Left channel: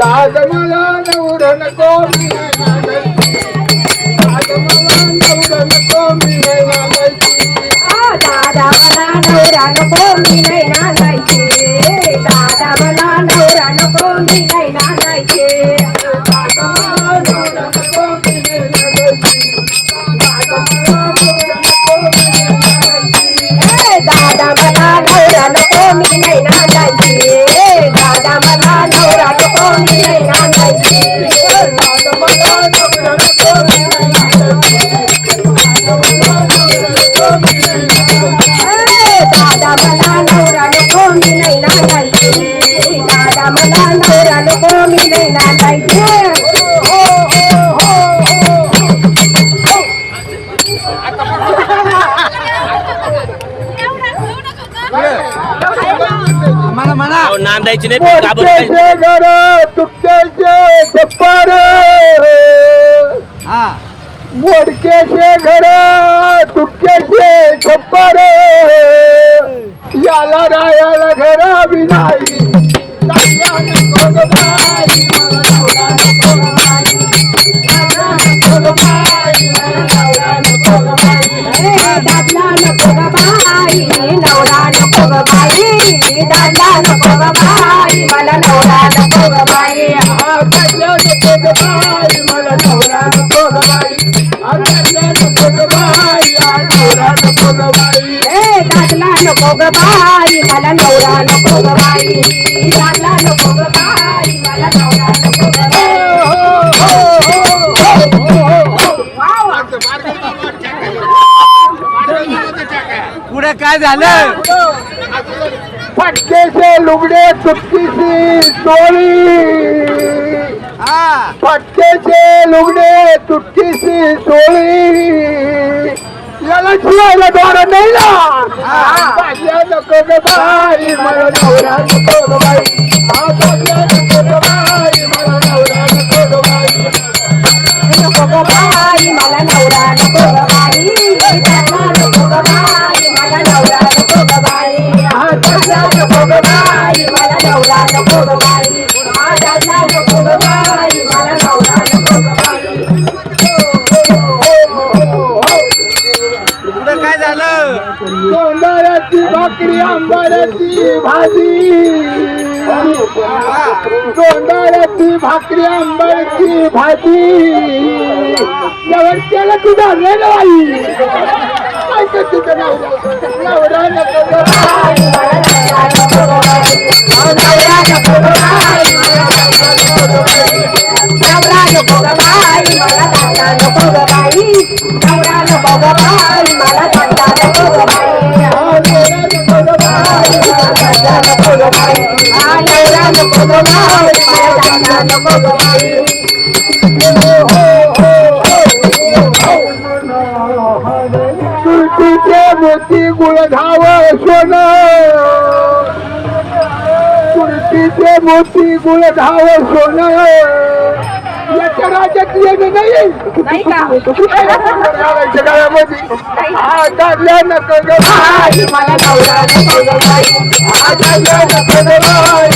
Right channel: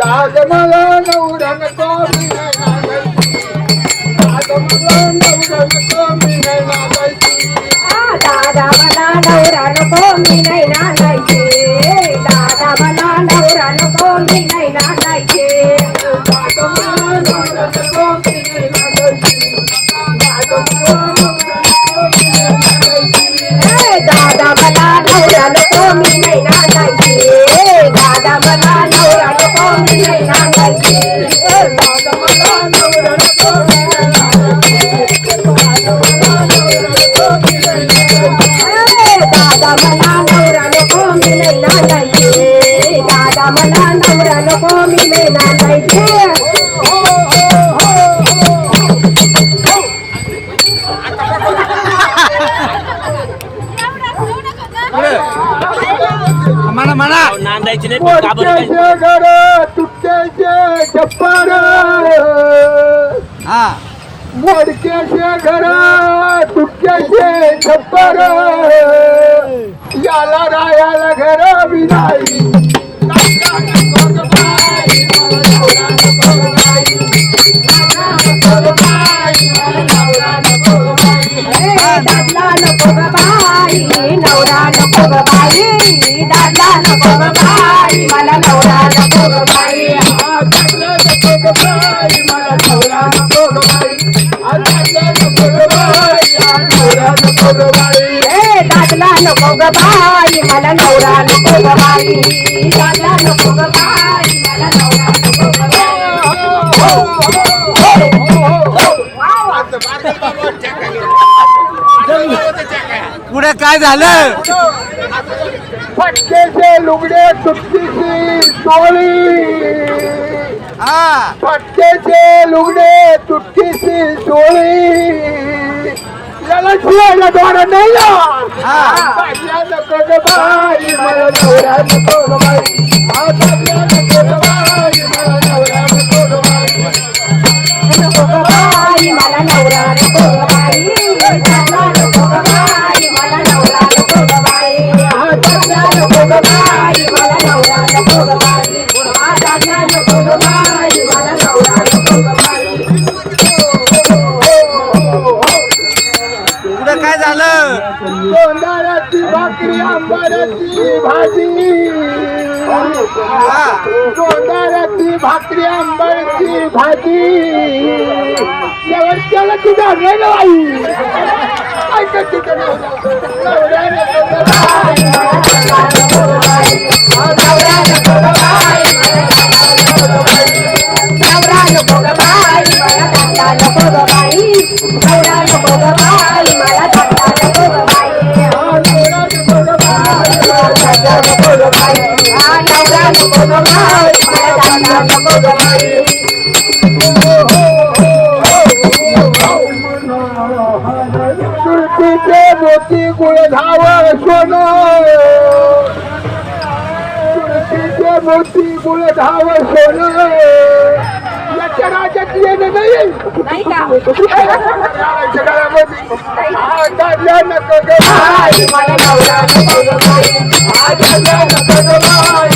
दाद मला नवरा नको मी नाही नांदायची. दाद मला नवरा नको मी नाही नांदायची. दादा मला नवरा नको मी नाही नांदायचे. दादा मला नवरा नको मी नाही नांदायचे. दाद मला नवरा नको मी नाही नांदायची. दाद मला नवरा नको मी नाही नांदायची. दादा मला नवरा नको मी नाही नांदायचे. दादा मला नवरा नको मी नाही नांदायचे. दाद मला नवरा नको मी नाही नांदायची. दादा मला नवरा नको मी नाही नांदायचे. दादा मला नवरा नको मी नाही नांदायचे. नांदायची नाही मोडक्याचे घर तुटक्याचे छप्पर. मोडक्याचे घर तुटक्याचे छप्पर. याला रायाला घर बी नाही. दादला नको ग बाई नवरा नको ग बाई. दादला नको ग बाई मला नवरा नको ग बाई. दादला नको ग बाई मला नवरा नको ग बाई. दादला नको ग बाई नवरा नको ग बाई. दादला नको ग बाई मला नवरा नको ग बाई. दादला नको ग बाई मला नवरा नको ग बाई. पुढे काय झालं? फटकेचे लुगडे तुटकीची चोळी. फटकेचे लुगडे तुटकीची चोळी. याला शिवायला दोरा नाही ना. बादल्या नको ग बाई मला नवरा नको ग बाई. बादल्या नको ग बाई मला नवरा नको ग बाई. नको ग बाई मला नवरा नको ग बाई. दादला नको ग बाई मला नवरा नको ग बाई. दादला नको ग बाई मला नवरा नको ग बाई. दादला नको ग बाई मला नवरा नको ग बाई. पुढे काय झालं? गोंधळाची भाकरी आंबाड्याची भाजी. गोंधळाची भाकरी आंबाड्याची भाजी. शेवटच्याला ती धरले ना बाई. ऐकत तिथं नवरा नको ग बाई. नवरा नको ग बाई. नवरा नको ग बाई मला दादला नको ग बाई. नवरा नको ग बाई मला दादला नको ग बाई. नवरा नको ग बाई दादला नको ग बाई. नवरा नको ग बाई मला दादला नको ग बाई. तुळशीचे मोती गुळधाव सोनं. तुळशीचे मोती गुळधाव सोनं. याच्या राज्यात येणं नाही जगामध्ये. दादल्या नको ग बाई मला नवरा नको ग बाई. दादल्या नको ग बाई